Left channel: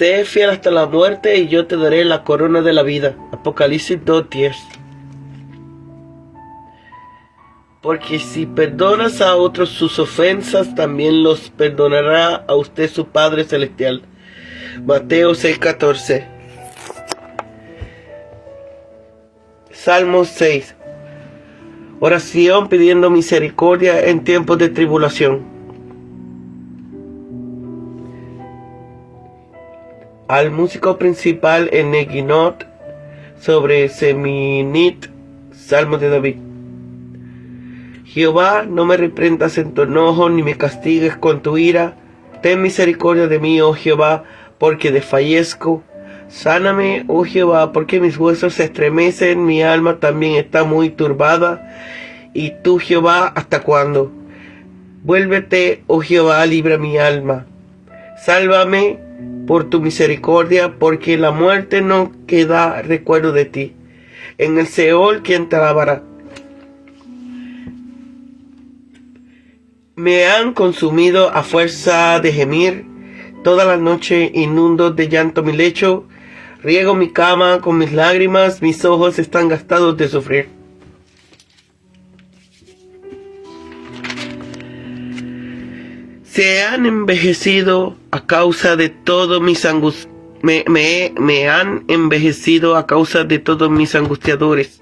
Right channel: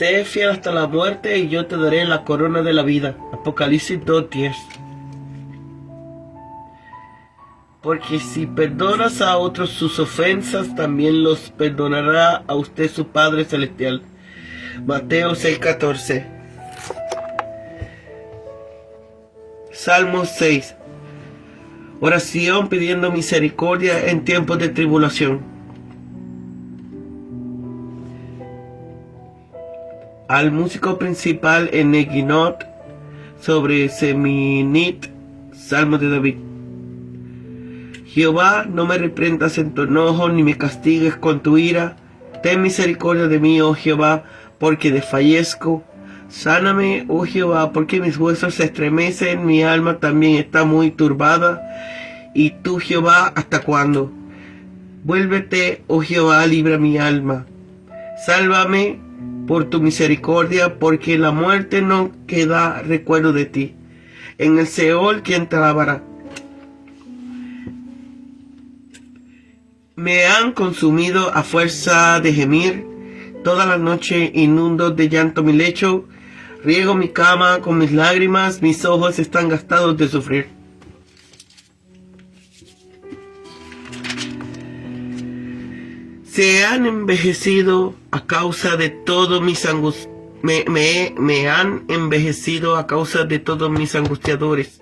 Sé fiel hasta la muerte y yo te daré la corona de la vida. Apocalipsis 2:10. Porque si perdonas a otros sus ofensas, también los perdonará a usted su Padre Celestial. Mateo 6:14. Salmo 6. Oración pidiendo misericordia en tiempos de tribulación. Al músico principal en Neginot sobre Seminit, Salmo de David. Jehová, no me reprendas en tu enojo, ni me castigues con tu ira. Ten misericordia de mí, oh Jehová, porque desfallezco. Sáname, oh Jehová, porque mis huesos se estremecen, mi alma también está muy turbada. Y tú, Jehová, ¿hasta cuándo? Vuélvete, oh Jehová, libra mi alma. Sálvame por tu misericordia, porque en la muerte no queda recuerdo de ti. En el Seol, ¿quién te alabará? Me han consumido a fuerza de gemir, toda la noche inundo de llanto mi lecho, riego mi cama con mis lágrimas, mis ojos están gastados de sufrir. Se han envejecido a causa de todos mis me han envejecido a causa de todos mis angustiadores.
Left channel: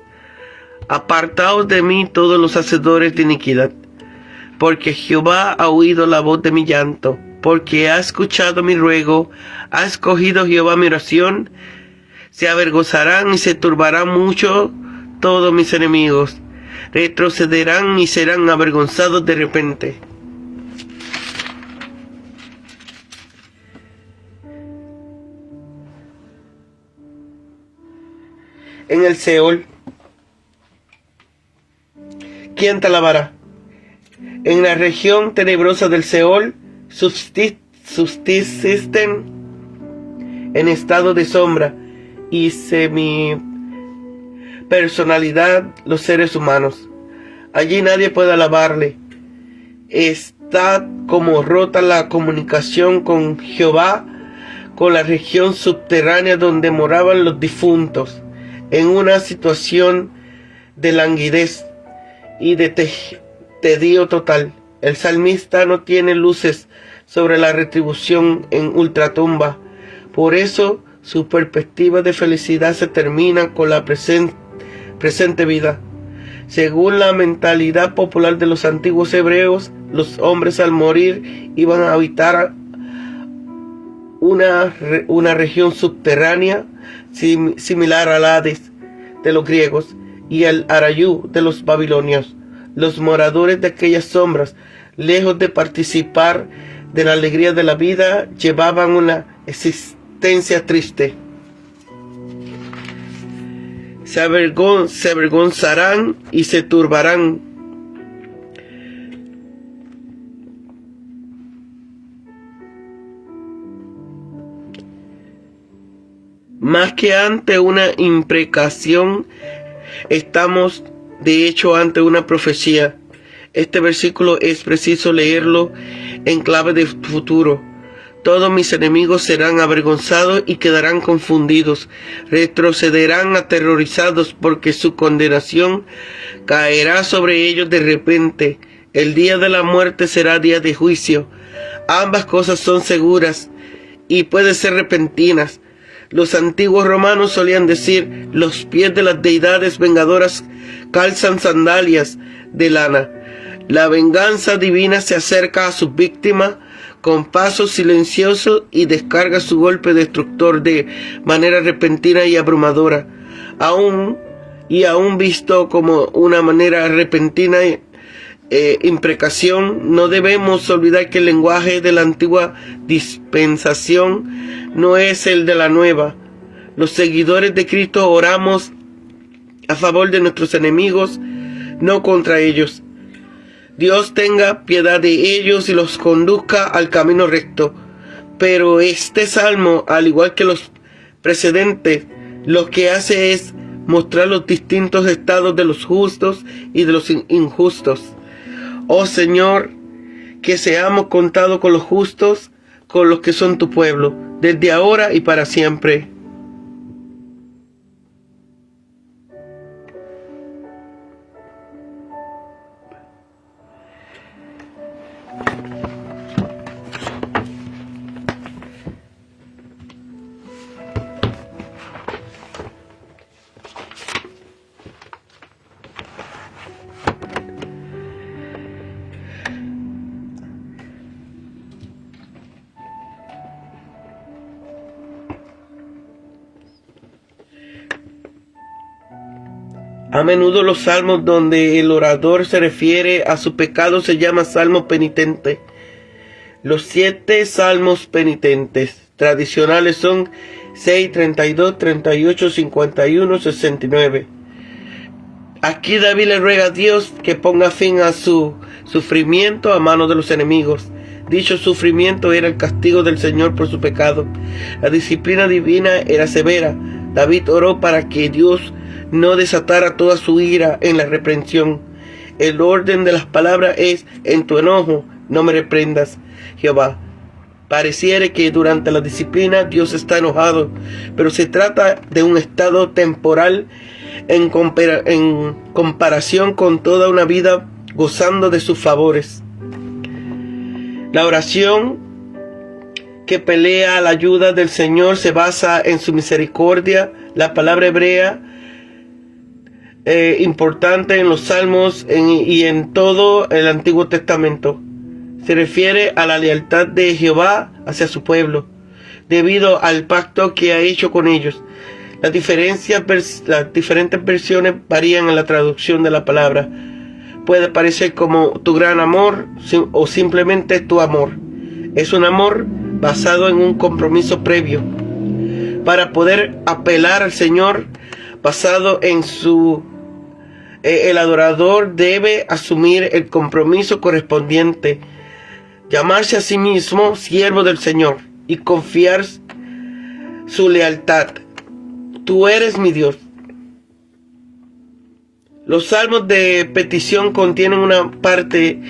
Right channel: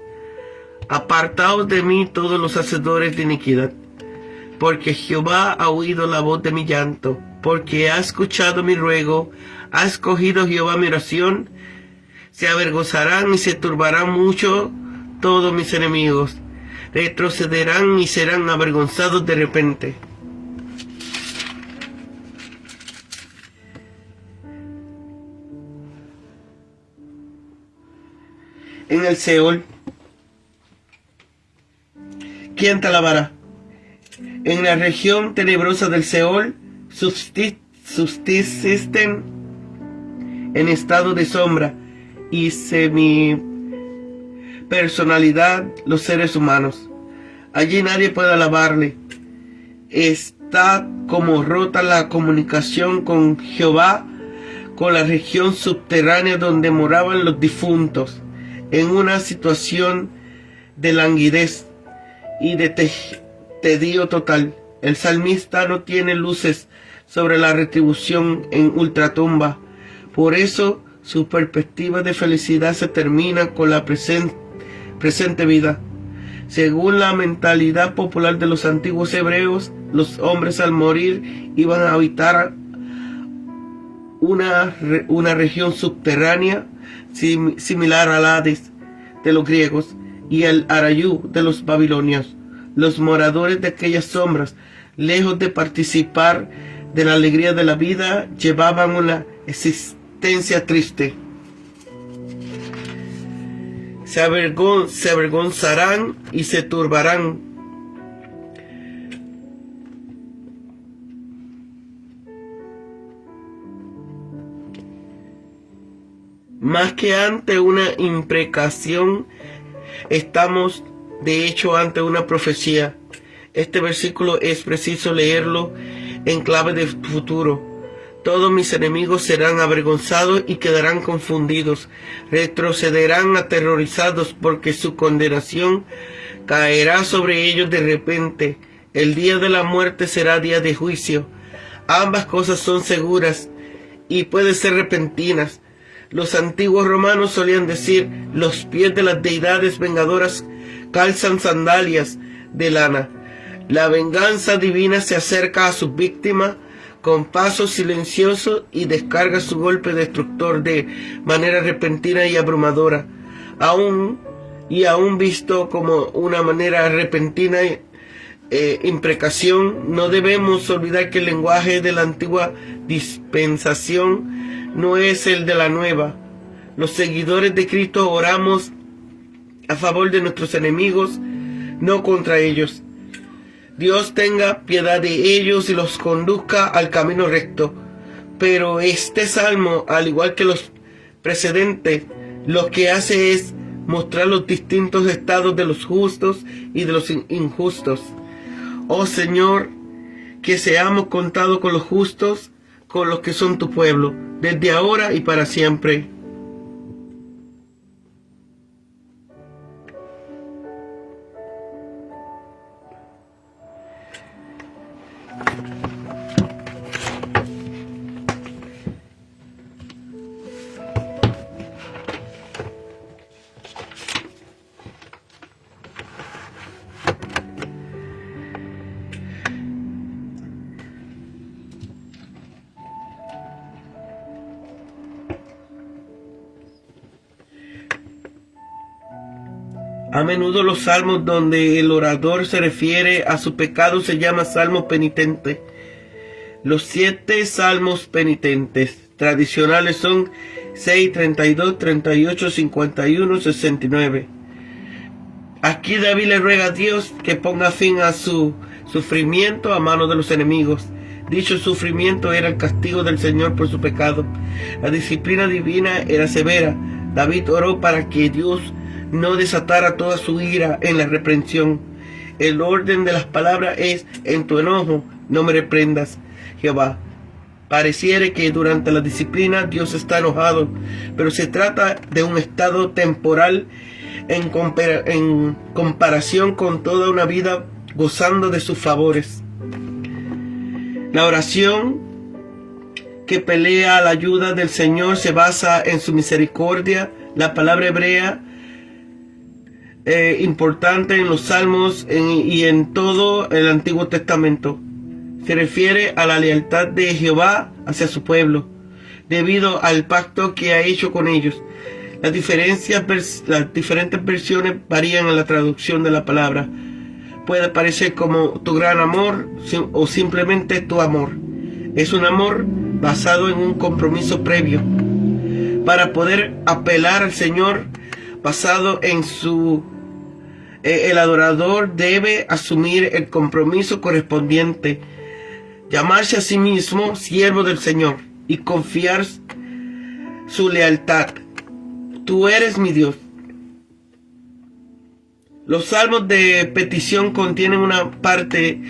Apartaos de mí todos los hacedores de iniquidad. Porque Jehová ha oído la voz de mi llanto, porque ha escuchado mi ruego, ha escogido Jehová mi oración. Se avergonzarán y se turbarán mucho todos mis enemigos, retrocederán y serán avergonzados de repente. En el Seol, ¿quién te alabará? En la región tenebrosa del Seol subsisten en estado de sombra y semi-personalidad los seres humanos. Allí nadie puede alabarle. Está como rota la comunicación con Jehová, con la región subterránea donde moraban los difuntos, en una situación de languidez y de tedio total. El salmista no tiene luces sobre la retribución en ultratumba. Por eso su perspectiva de felicidad se termina con la presente vida. Según la mentalidad popular de los antiguos hebreos, los hombres al morir iban a habitar una región subterránea similar al Hades de los griegos y al Arayú de los babilonios. Los moradores de aquellas sombras, lejos de participar de la alegría de la vida, llevaban una existencia triste. Se avergonzarán y se turbarán. Más que ante una imprecación, estamos de hecho ante una profecía. Este versículo es preciso leerlo en clave de futuro. Todos mis enemigos serán avergonzados y quedarán confundidos. Retrocederán aterrorizados porque su condenación caerá sobre ellos de repente. El día de la muerte será día de juicio. Ambas cosas son seguras y pueden ser repentinas. Los antiguos romanos solían decir: los pies de las deidades vengadoras calzan sandalias de lana. La venganza divina se acerca a sus víctimas con paso silencioso y descarga su golpe destructor de manera repentina y abrumadora. Aún visto como una manera repentina imprecación, no debemos olvidar que el lenguaje de la antigua dispensación no es el de la nueva. Los seguidores de Cristo oramos a favor de nuestros enemigos, no contra ellos. Dios tenga piedad de ellos y los conduzca al camino recto. Pero este salmo, al igual que los precedentes, lo que hace es mostrar los distintos estados de los justos y de los injustos. Oh Señor, que seamos contados con los justos, con los que son tu pueblo, desde ahora y para siempre. A menudo los salmos donde el orador se refiere a su pecado se llama salmos penitentes. Los 7 salmos penitentes tradicionales son 6, 32, 38, 51, 69. Aquí David le ruega a Dios que ponga fin a su sufrimiento a manos de los enemigos. Dicho sufrimiento era el castigo del Señor por su pecado. La disciplina divina era severa. David oró para que Dios no desatara toda su ira en la reprensión. El orden de las palabras es: en tu enojo no me reprendas, Jehová. Pareciera que durante la disciplina Dios está enojado, pero se trata de un estado temporal en comparación con toda una vida gozando de sus favores. La oración que pelea a la ayuda del Señor se basa en su misericordia. La palabra hebrea importante en los Salmos y en todo el Antiguo Testamento se refiere a la lealtad de Jehová hacia su pueblo, debido al pacto que ha hecho con ellos. Las diferentes versiones varían en la traducción de la palabra. Puede parecer como tu gran amor o simplemente tu amor. Es un amor basado en un compromiso previo. Para poder apelar al Señor basado en el adorador debe asumir el compromiso correspondiente, llamarse a sí mismo siervo del Señor y confiar su lealtad. Tú eres mi Dios. Los salmos de petición contienen una parte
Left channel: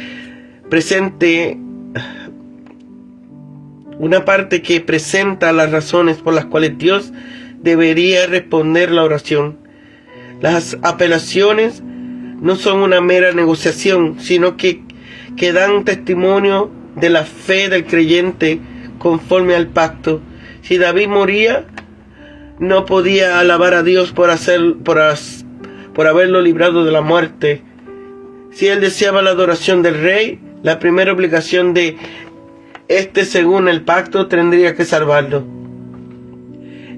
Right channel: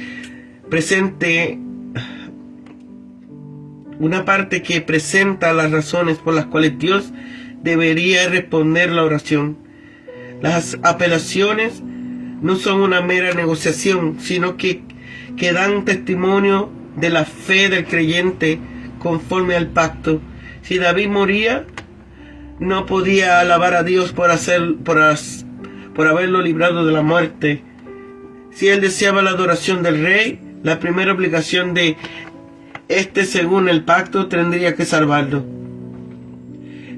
que presenta las razones por las cuales Dios debería responder la oración. Las apelaciones no son una mera negociación, sino que dan testimonio de la fe del creyente conforme al pacto. Si David moría, no podía alabar a Dios por haberlo librado de la muerte. Si él deseaba la adoración del rey, la primera obligación de este, según el pacto, tendría que salvarlo.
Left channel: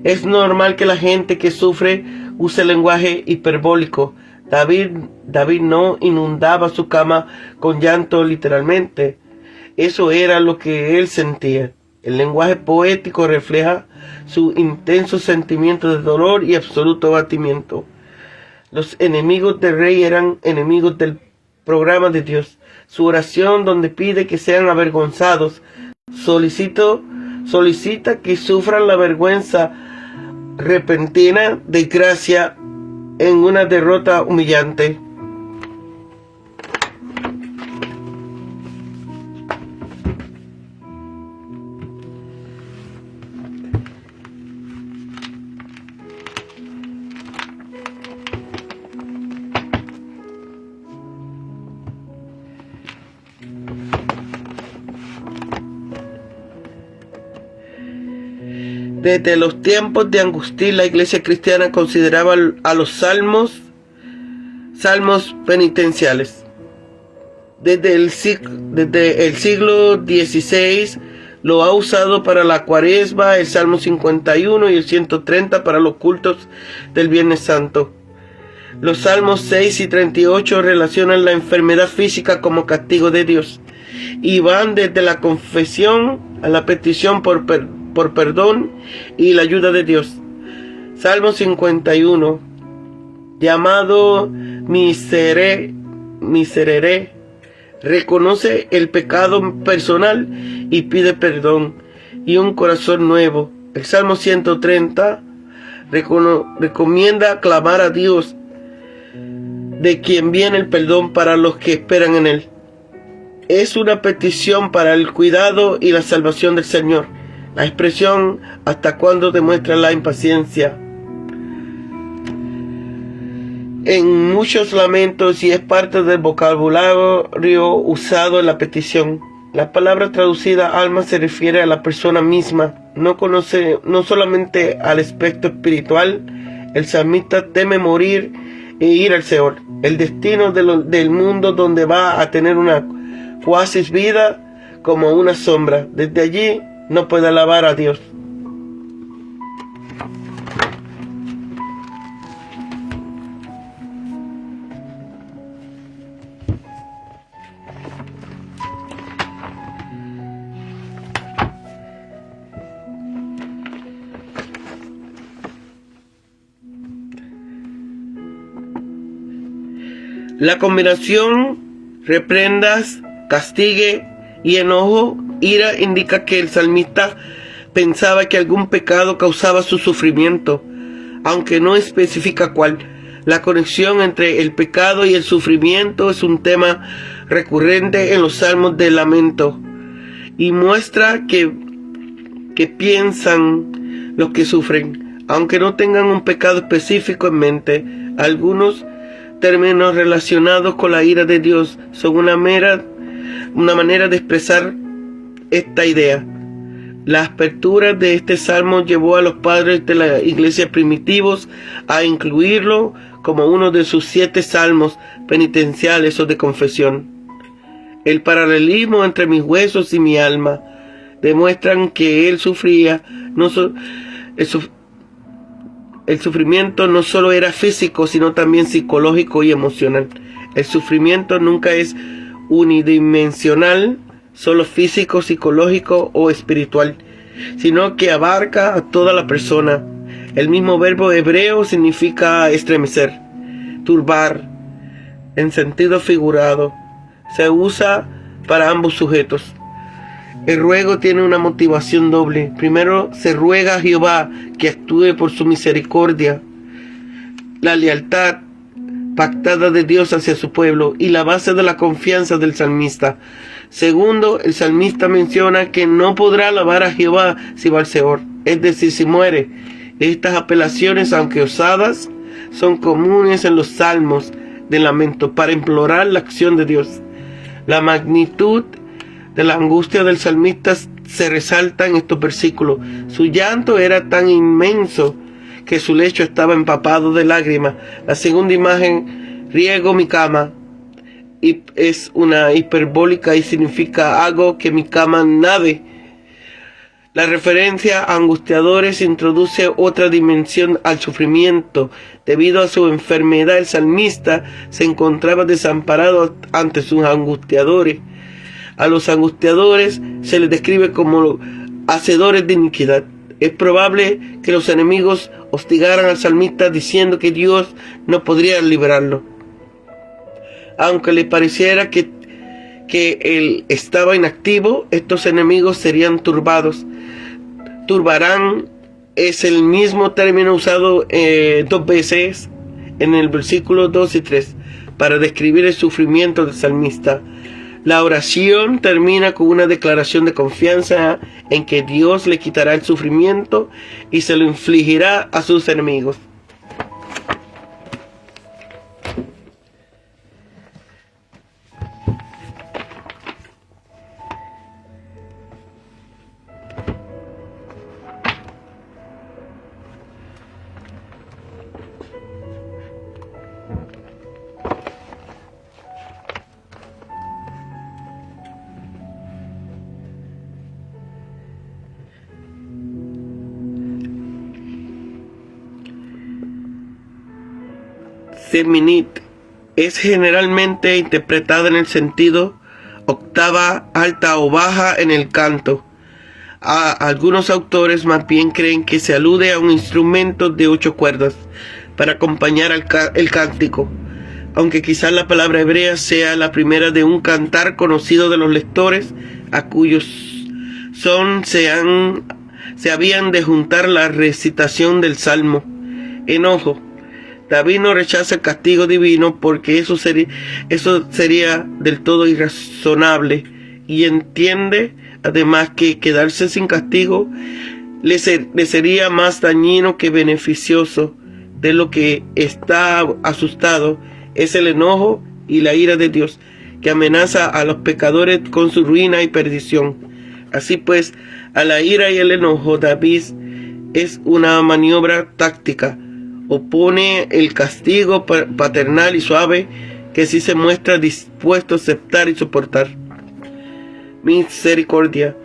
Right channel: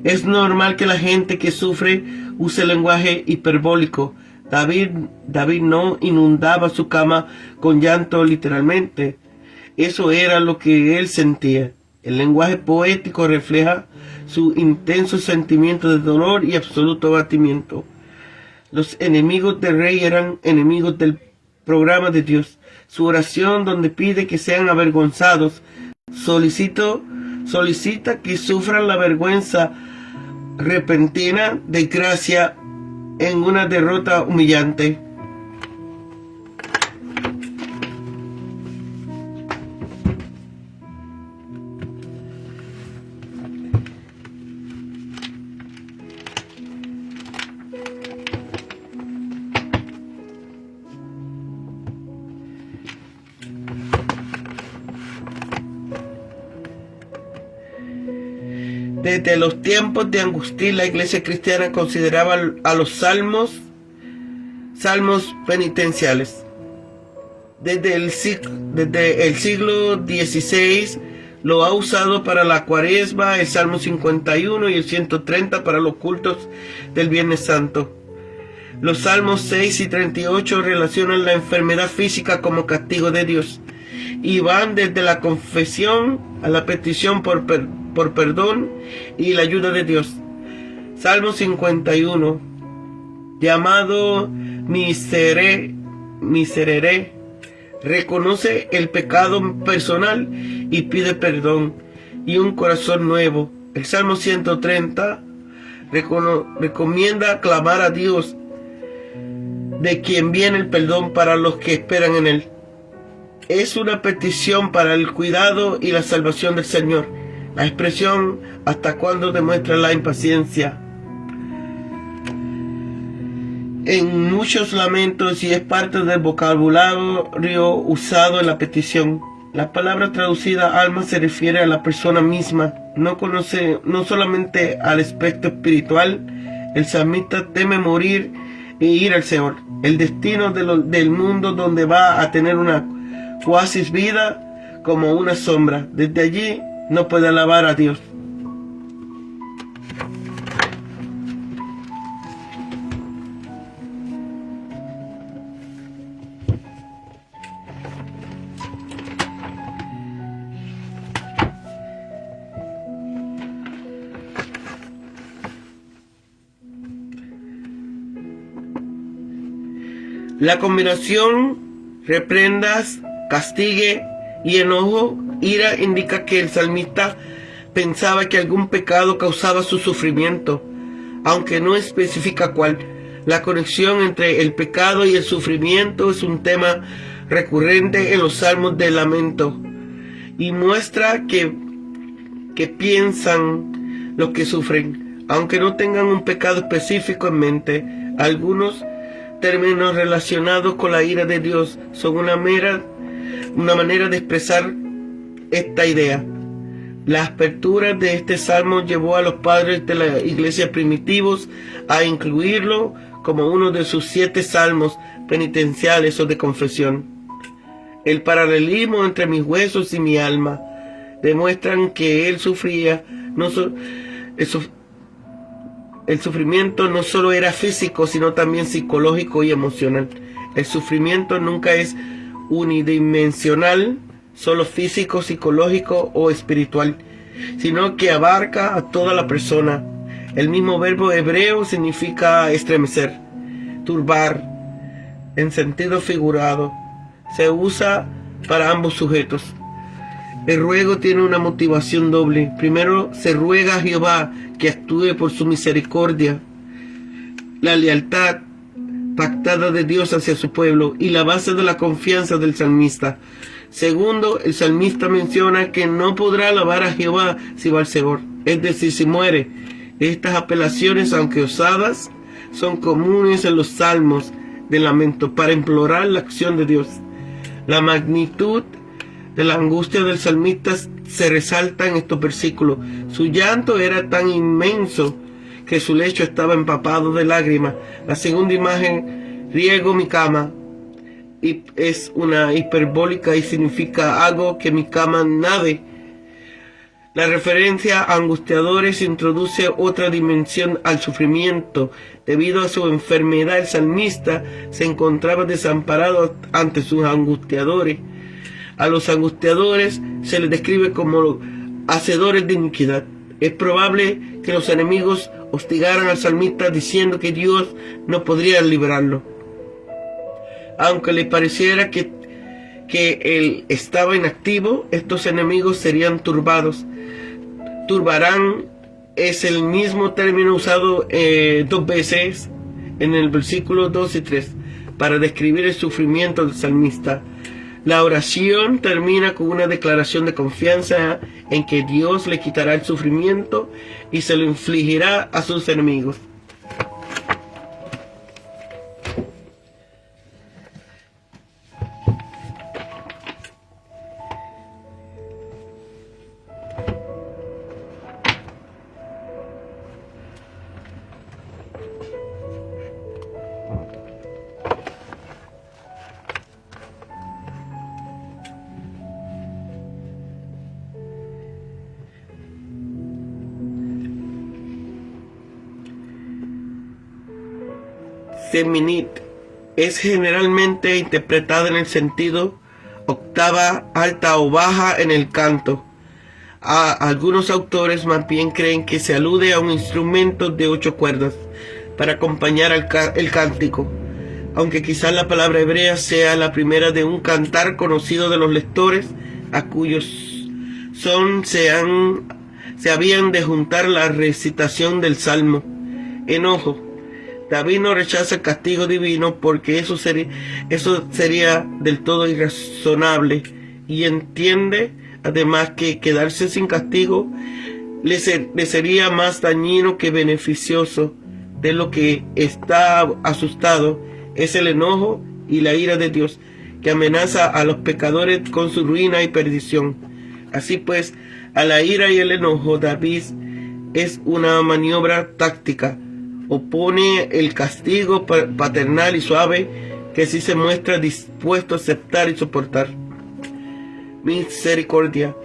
Es normal que la gente que sufre use lenguaje hiperbólico. David no inundaba su cama con llanto literalmente. Eso era lo que él sentía. El lenguaje poético refleja su intenso sentimiento de dolor y absoluto abatimiento. Los enemigos del rey eran enemigos del programa de Dios. Su oración, donde pide que sean avergonzados, solicita que sufran la vergüenza repentina desgracia en una derrota humillante. Desde los tiempos de Agustín, la iglesia cristiana consideraba a los salmos penitenciales. Desde el siglo XVI lo ha usado para la Cuaresma, el Salmo 51 y el 130 para los cultos del Viernes Santo. Los Salmos 6 y 38 relacionan la enfermedad física como castigo de Dios y van desde la confesión a la petición por perdón y la ayuda de Dios. Salmo 51, llamado Miserere, reconoce el pecado personal y pide perdón y un corazón nuevo. El Salmo 130 recomienda clamar a Dios, de quien viene el perdón para los que esperan en Él. Es una petición para el cuidado y la salvación del Señor. La expresión ¿hasta cuándo demuestra la impaciencia? En muchos lamentos y es parte del vocabulario usado en la petición. La palabra traducida alma se refiere a la persona misma, no solamente al aspecto espiritual. El salmista teme morir e ir al Seol, el destino del mundo donde va a tener una cuasis vida como una sombra. Desde allí no puede alabar a Dios. La combinación reprendas, castigue y enojo, ira, indica que el salmista pensaba que algún pecado causaba su sufrimiento, aunque no especifica cuál. La conexión entre el pecado y el sufrimiento es un tema recurrente en los salmos de lamento y muestra que piensan los que sufren, aunque no tengan un pecado específico en mente. Algunos términos relacionados con la ira de Dios son una manera de expresar esta idea. La apertura de este salmo llevó a los padres de la iglesia primitivos a incluirlo como uno de sus 7 salmos penitenciales o de confesión. El paralelismo entre mis huesos y mi alma demuestran que él sufría el sufrimiento no solo era físico, sino también psicológico y emocional. El sufrimiento nunca es unidimensional, solo físico, psicológico o espiritual, sino que abarca a toda la persona. El mismo verbo hebreo significa estremecer, turbar, en sentido figurado. Se usa para ambos sujetos. El ruego tiene una motivación doble. Primero, se ruega a Jehová que actúe por su misericordia, la lealtad pactada de Dios hacia su pueblo y la base de la confianza del salmista. Segundo, el salmista menciona que no podrá alabar a Jehová si va al Seol, es decir, si muere. Estas apelaciones, aunque osadas, son comunes en los salmos de lamento para implorar la acción de Dios. La magnitud de la angustia del salmista se resalta en estos versículos. Su llanto era tan inmenso que su lecho estaba empapado de lágrimas. La segunda imagen, riego mi cama, y es una hiperbólica y significa hago que mi cama nade. La referencia a angustiadores introduce otra dimensión al sufrimiento. Debido a su enfermedad, el salmista se encontraba desamparado ante sus angustiadores. A los angustiadores se les describe como hacedores de iniquidad. Es probable que los enemigos hostigaran al salmista diciendo que Dios no podría librarlo. Aunque le pareciera que él estaba inactivo, estos enemigos serían turbados. Turbarán es el mismo término usado 2 veces en el versículo 2 y 3 para describir el sufrimiento del salmista. La oración termina con una declaración de confianza en que Dios le quitará el sufrimiento y se lo infligirá a sus enemigos. Seminit es generalmente interpretada en el sentido octava alta o baja en el canto. Algunos autores más bien creen que se alude a un instrumento de 8 cuerdas para acompañar el cántico, aunque quizás la palabra hebrea sea la primera de un cantar conocido de los lectores a cuyos son se habían de juntar la recitación del salmo. Enojo David no rechaza el castigo divino porque eso sería del todo irrazonable, y entiende además que quedarse sin castigo le sería más dañino que beneficioso. De lo que está asustado es el enojo y la ira de Dios, que amenaza a los pecadores con su ruina y perdición. Así pues, a la ira y el enojo David es una maniobra táctica. Opone el castigo paternal y suave que sí se muestra dispuesto a aceptar y soportar. Misericordia.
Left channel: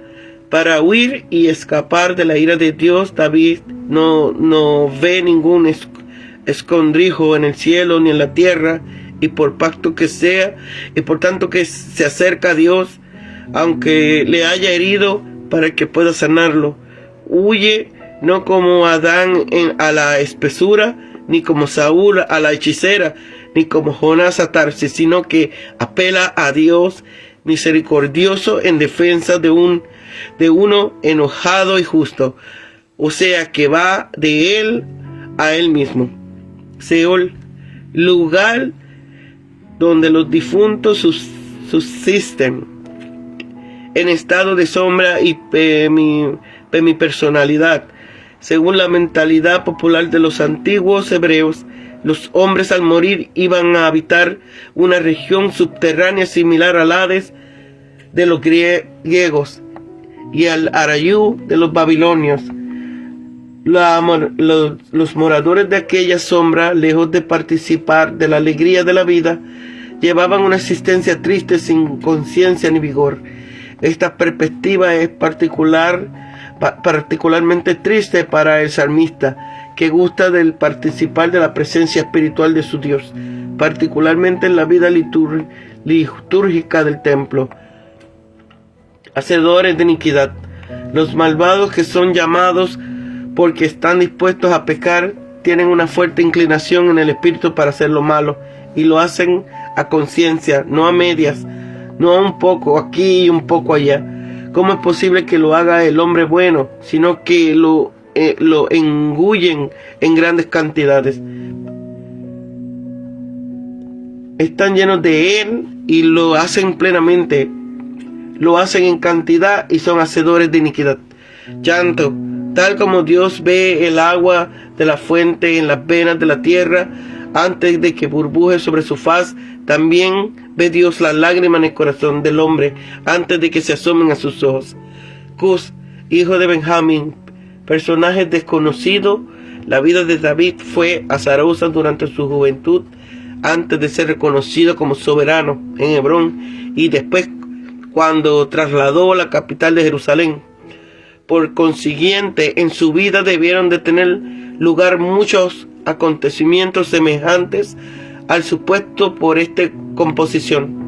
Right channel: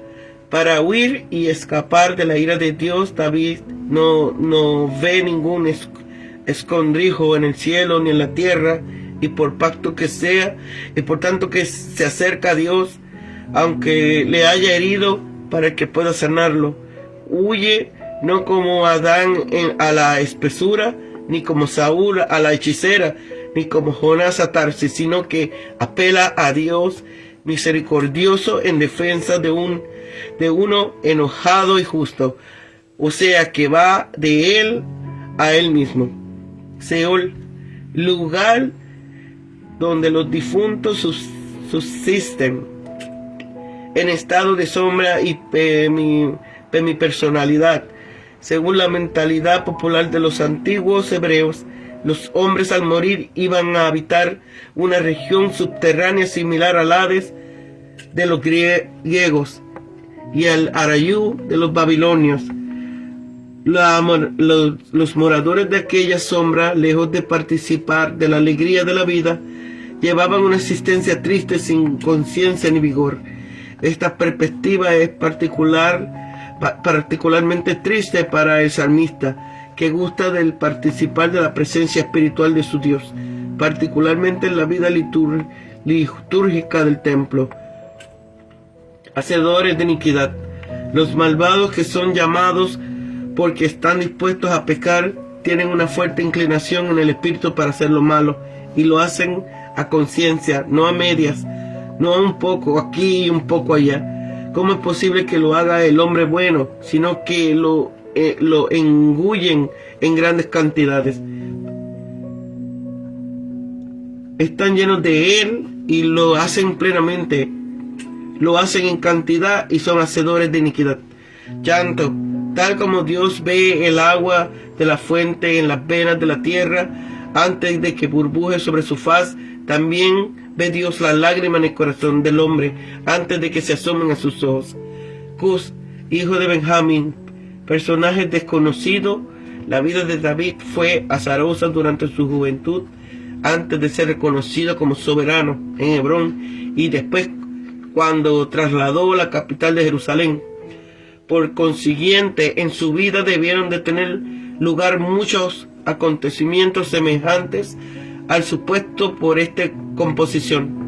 Para huir y escapar de la ira de Dios, David no ve ningún escondrijo en el cielo ni en la tierra, y por pacto que sea, y por tanto que se acerca a Dios, aunque le haya herido, para que pueda sanarlo. Huye no como Adán a la espesura, ni como Saúl a la hechicera, ni como Jonás a Tarsis, sino que apela a Dios misericordioso en defensa de uno enojado y justo, o sea que va de él a él mismo. Seol, lugar donde los difuntos subsisten en estado de sombra y personalidad. Según la mentalidad popular de los antiguos hebreos, los hombres al morir iban a habitar una región subterránea similar al Hades de los griegos y al Arayú de los babilonios. Los moradores de aquella sombra, lejos de participar de la alegría de la vida, llevaban una existencia triste sin conciencia ni vigor. Esta perspectiva es particularmente triste para el salmista, que gusta de participar de la presencia espiritual de su Dios, particularmente en la vida litúrgica del templo. Hacedores de iniquidad. Los malvados, que son llamados porque están dispuestos a pecar, tienen una fuerte inclinación en el espíritu para hacer lo malo, y lo hacen a conciencia, no a medias, no a un poco aquí y un poco allá. ¿Cómo es posible que lo haga el hombre bueno, sino que lo engullen en grandes cantidades? Están llenos de él y lo hacen plenamente, lo hacen en cantidad y son hacedores de iniquidad. Llanto. Tal como Dios ve el agua de la fuente en las venas de la tierra antes de que burbuje sobre su faz, también ve Dios la lágrima en el corazón del hombre antes de que se asomen a sus ojos. Cus, hijo de Benjamín, personaje desconocido. La vida de David fue azarosa durante su juventud, antes de ser reconocido como soberano en Hebrón, y después cuando trasladó la capital de Jerusalén. Por consiguiente, en su vida debieron de tener lugar muchos acontecimientos semejantes al supuesto por esta composición.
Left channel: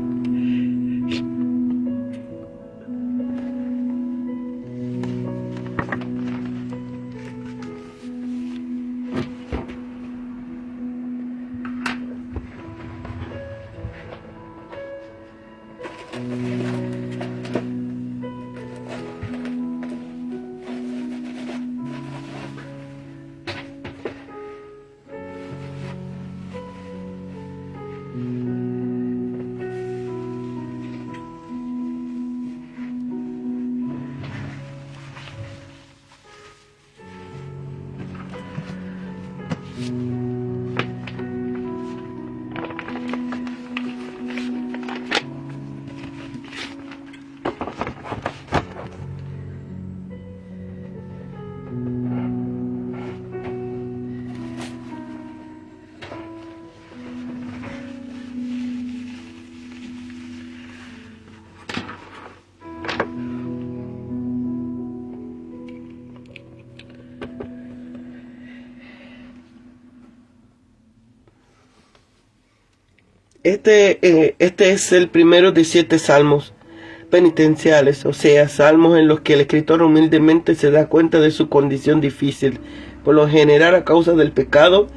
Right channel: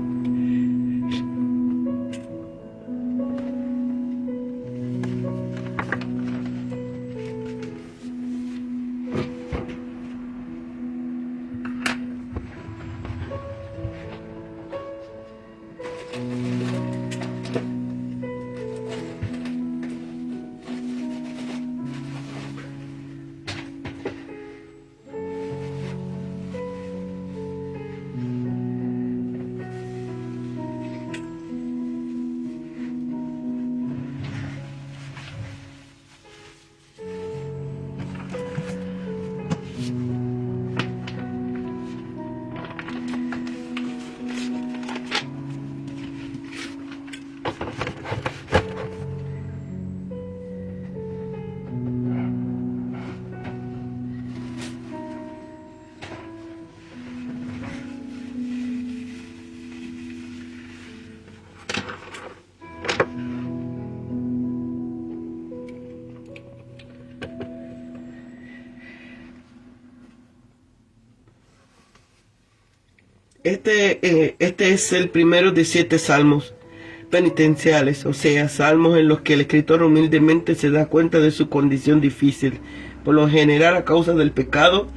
Este es el primero de 7 salmos penitenciales, o sea, salmos en los que el escritor humildemente se da cuenta de su condición difícil, por lo general a causa del pecado,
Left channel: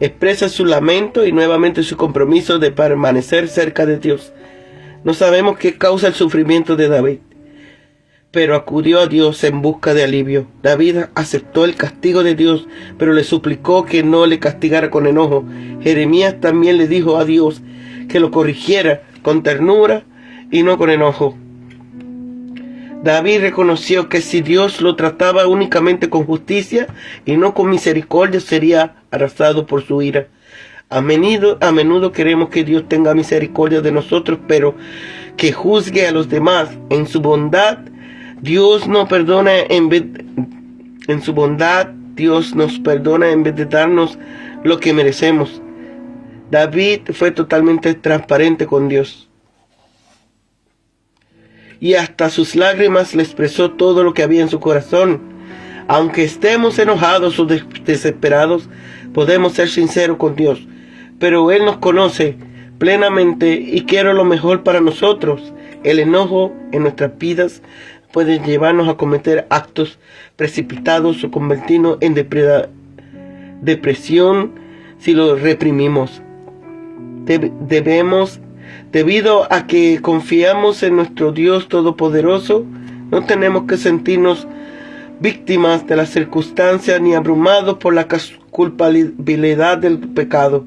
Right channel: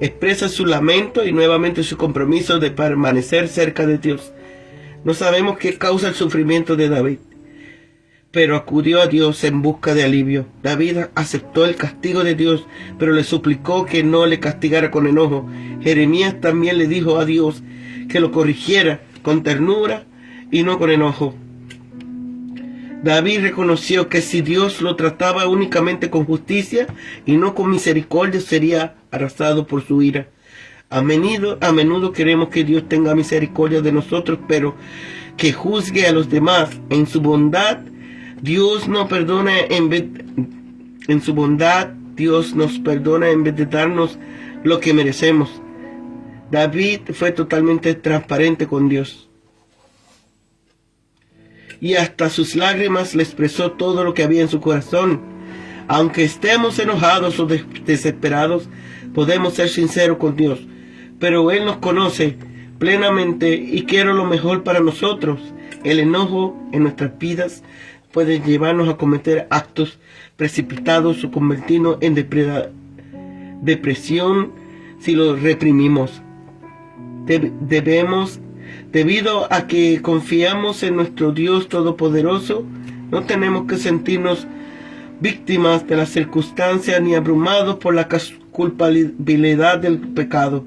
expresa su lamento y nuevamente su compromiso de permanecer cerca de Dios. No sabemos qué causa el sufrimiento de David, pero acudió a Dios en busca de alivio. David aceptó el castigo de Dios, pero le suplicó que no le castigara con enojo. Jeremías también le dijo a Dios que lo corrigiera con ternura y no con enojo. David reconoció que si Dios lo trataba únicamente con justicia y no con misericordia, sería arrasado por su ira. A menudo queremos que Dios tenga misericordia de nosotros, pero que juzgue a los demás. En su bondad, Dios nos perdona Dios nos perdona en vez de darnos lo que merecemos. David fue totalmente transparente con Dios. Y hasta sus lágrimas le expresó todo lo que había en su corazón. Aunque estemos enojados o desesperados, podemos ser sinceros con Dios. Pero Él nos conoce plenamente y quiere lo mejor para nosotros. El enojo en nuestras vidas puede llevarnos a cometer actos precipitados o convertirnos en depresión si lo reprimimos. Debido a que confiamos en nuestro Dios Todopoderoso, no tenemos que sentirnos víctimas de las circunstancias ni abrumados por la culpabilidad del pecado.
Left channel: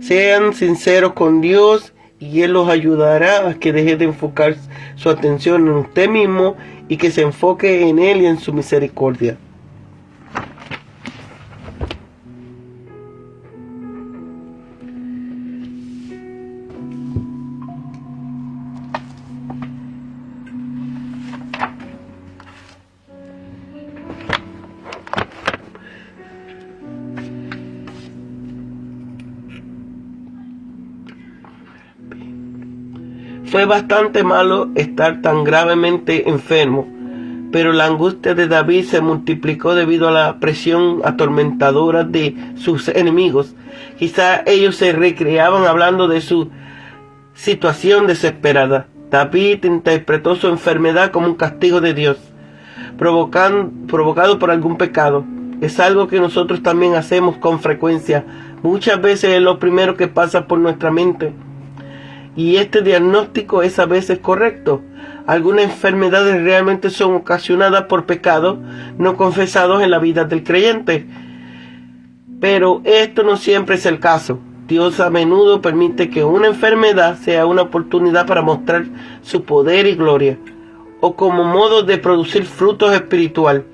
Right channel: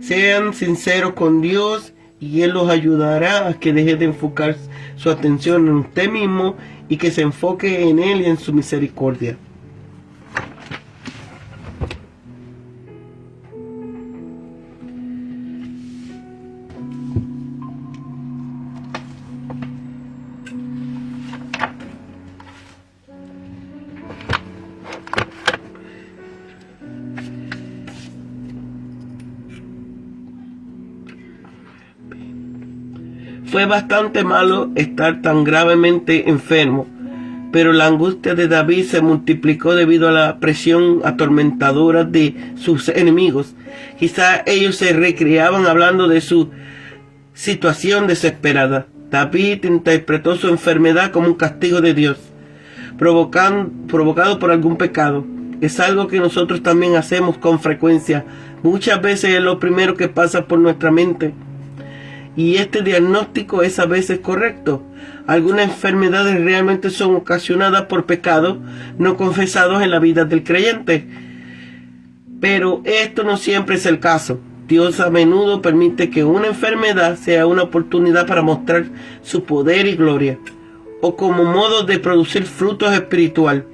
Sean sinceros con Dios y Él los ayudará a que deje de enfocar su atención en usted mismo y que se enfoque en Él y en su misericordia. Fue bastante malo estar tan gravemente enfermo, pero la angustia de David se multiplicó debido a la presión atormentadora de sus enemigos. Quizá ellos se recreaban hablando de su situación desesperada. David interpretó su enfermedad como un castigo de Dios, provocado por algún pecado. Es algo que nosotros también hacemos con frecuencia. Muchas veces es lo primero que pasa por nuestra mente. Y este diagnóstico es a veces correcto. Algunas enfermedades realmente son ocasionadas por pecados no confesados en la vida del creyente. Pero esto no siempre es el caso. Dios a menudo permite que una enfermedad sea una oportunidad para mostrar su poder y gloria, o como modo de producir frutos espiritual,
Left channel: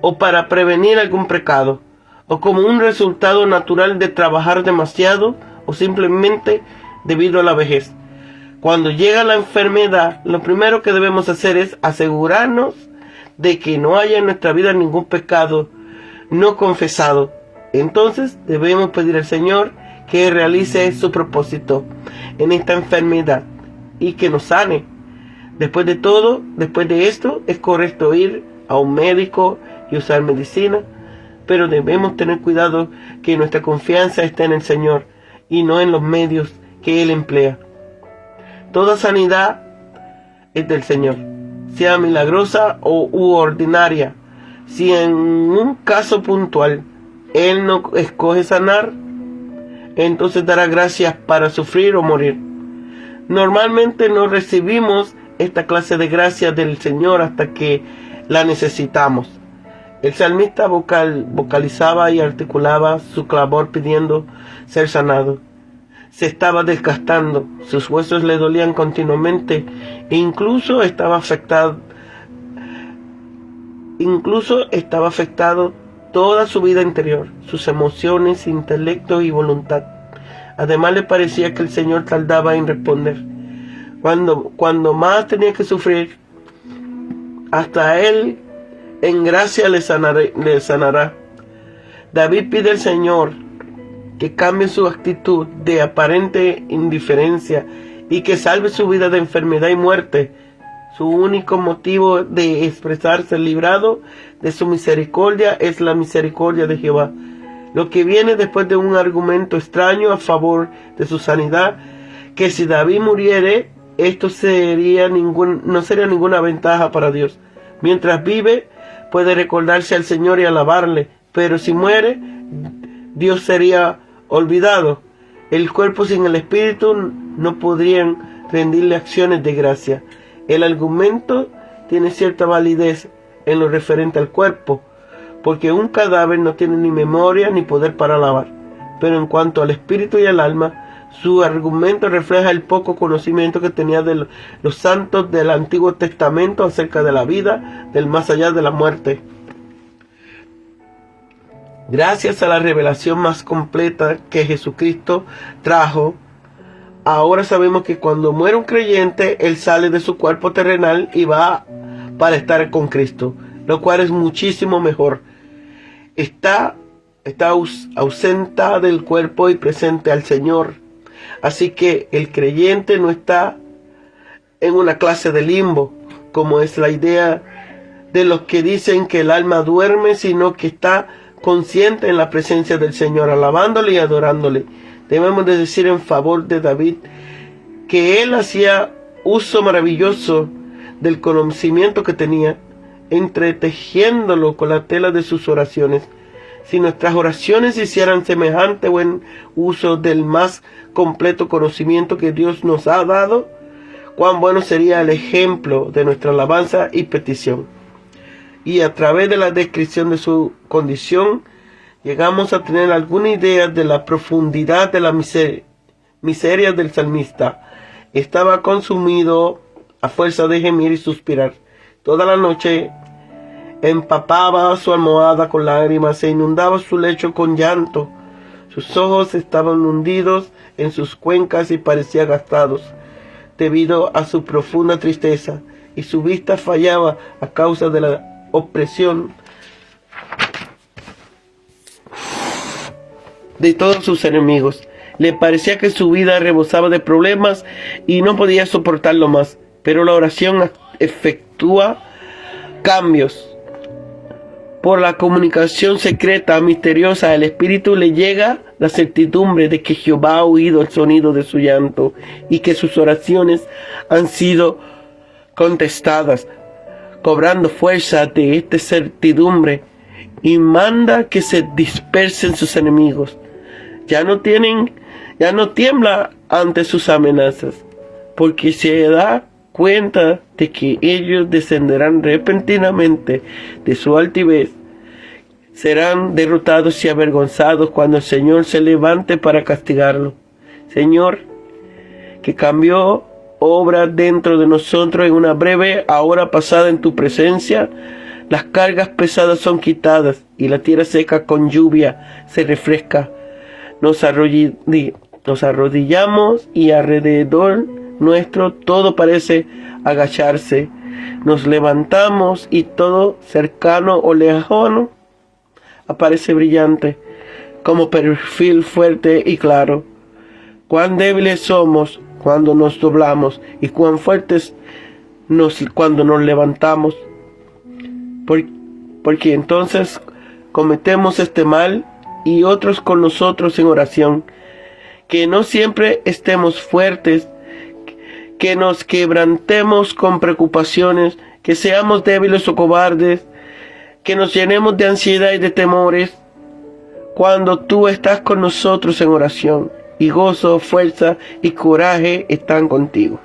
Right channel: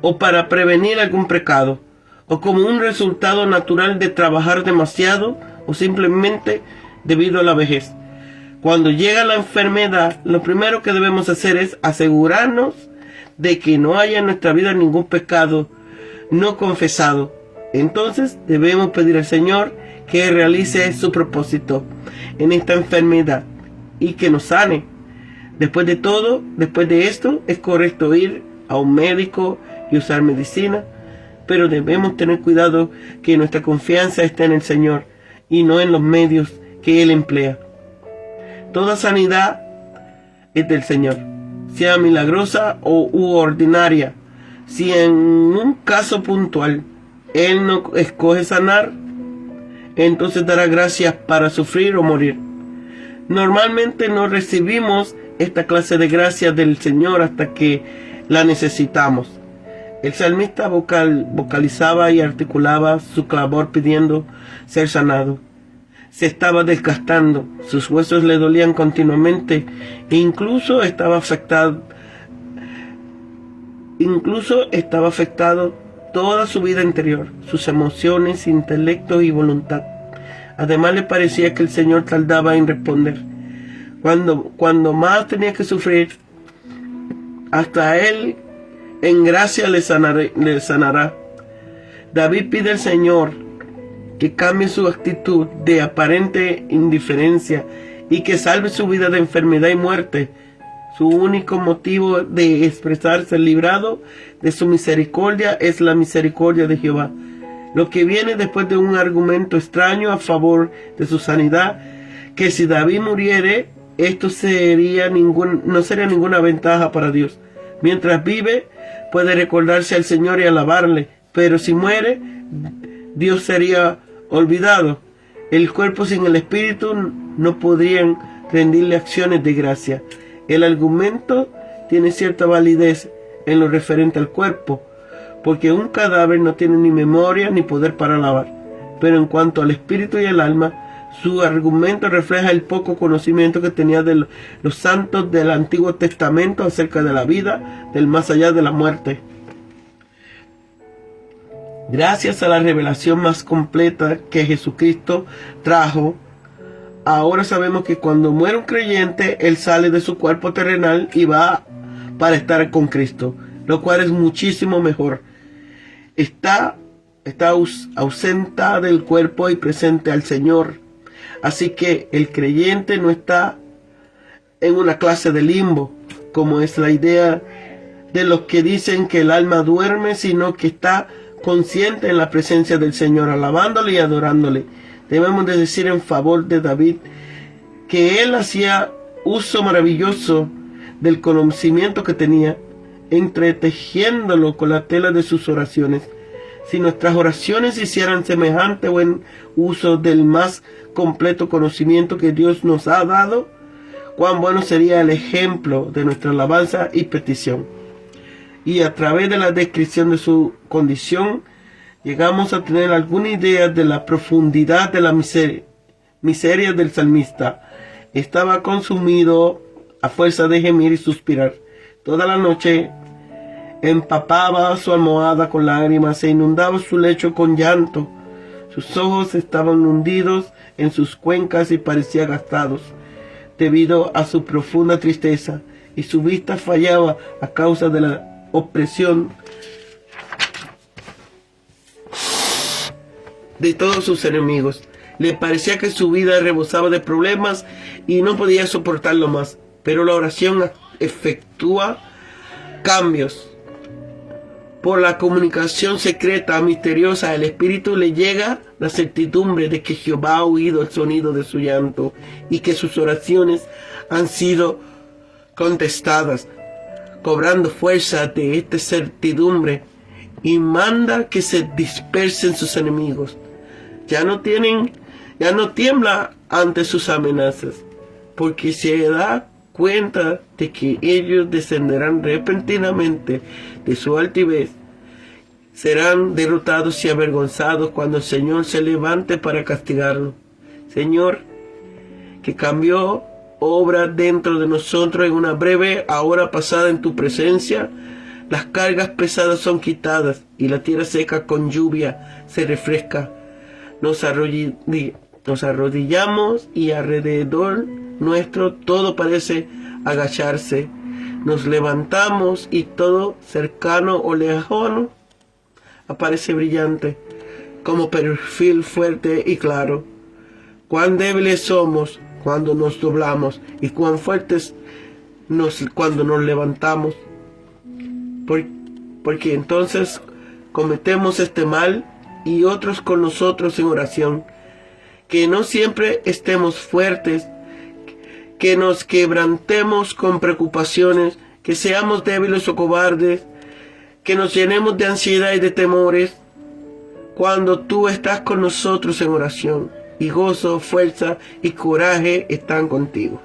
o para prevenir algún pecado, o como un resultado natural de trabajar demasiado, o simplemente debido a la vejez. Cuando llega la enfermedad, lo primero que debemos hacer es asegurarnos de que no haya en nuestra vida ningún pecado no confesado. Entonces debemos pedir al Señor que realice su propósito en esta enfermedad y que nos sane. Después de esto, es correcto ir a un médico y usar medicina, pero debemos tener cuidado que nuestra confianza esté en el Señor y no en los medios que Él emplea. Toda sanidad es del Señor, sea milagrosa u ordinaria. Si en un caso puntual Él no escoge sanar, entonces dará gracias para sufrir o morir. Normalmente no recibimos esta clase de gracias del Señor hasta que la necesitamos. El salmista vocalizaba y articulaba su clamor pidiendo ser sanado. Se estaba desgastando, sus huesos le dolían continuamente e incluso estaba afectado toda su vida interior, sus emociones, intelecto y voluntad. Además le parecía que el Señor tardaba en responder. Cuando más tenía que sufrir, hasta Él en gracia le sanará. David pide al Señor que cambie su actitud de aparente indiferencia y que salve su vida de enfermedad y muerte. Su único motivo de expresarse librado de su misericordia es la misericordia de Jehová. Lo que viene después de un argumento extraño a favor de su sanidad, que si David muriere, esto no sería ninguna ventaja para Dios. Mientras vive, puede recordarse al Señor y alabarle, pero si muere, Dios sería olvidado. El cuerpo sin el espíritu no podrían rendirle acciones de gracia. El argumento tiene cierta validez en lo referente al cuerpo, porque un cadáver no tiene ni memoria ni poder para alabar. Pero en cuanto al espíritu y al alma, su argumento refleja el poco conocimiento que tenía de los santos del Antiguo Testamento acerca de la vida del más allá de la muerte. Gracias a la revelación más completa que Jesucristo trajo, ahora sabemos que cuando muere un creyente, él sale de su cuerpo terrenal y va para estar con Cristo, lo cual es muchísimo mejor. Está ausente del cuerpo y presente al Señor. Así que el creyente no está en una clase de limbo, como es la idea de los que dicen que el alma duerme, sino que está consciente en la presencia del Señor, alabándole y adorándole. Debemos de decir en favor de David que él hacía uso maravilloso del conocimiento que tenía, entretejiéndolo con la tela de sus oraciones. Si nuestras oraciones hicieran semejante buen uso del más completo conocimiento que Dios nos ha dado, cuán bueno sería el ejemplo de nuestra alabanza y petición. Y a través de la descripción de su condición, llegamos a tener alguna idea de la profundidad de la miseria del salmista. Estaba consumido a fuerza de gemir y suspirar. Toda la noche empapaba su almohada con lágrimas e inundaba su lecho con llanto. Sus ojos estaban hundidos en sus cuencas y parecían gastados debido a su profunda tristeza, y su vista fallaba a causa de la opresión de todos sus enemigos. Le parecía que su vida rebosaba de problemas y no podía soportarlo más. Pero la oración efectúa cambios. Por la comunicación secreta, misteriosa, al espíritu le llega la certidumbre de que Jehová ha oído el sonido de su llanto y que sus oraciones han sido contestadas. Cobrando fuerza de esta certidumbre, y manda que se dispersen sus enemigos. Ya no tiembla ante sus amenazas, porque se da cuenta de que ellos descenderán repentinamente de su altivez. Serán derrotados y avergonzados cuando el Señor se levante para castigarlo. Señor, que cambió obra dentro de nosotros en una breve hora pasada en tu presencia, las cargas pesadas son quitadas y la tierra seca con lluvia se refresca. Nos arrodillamos y alrededor nuestro todo parece agacharse. Nos levantamos y todo cercano o lejano aparece brillante, como perfil fuerte y claro. Cuán débiles somos cuando nos doblamos y cuán fuertes cuando nos levantamos. Porque entonces cometemos este mal y otros con nosotros en oración. Que no siempre estemos fuertes, que nos quebrantemos con preocupaciones, que seamos débiles o cobardes, que nos llenemos de ansiedad y de temores, cuando tú estás con nosotros en oración, y gozo, fuerza y coraje están contigo.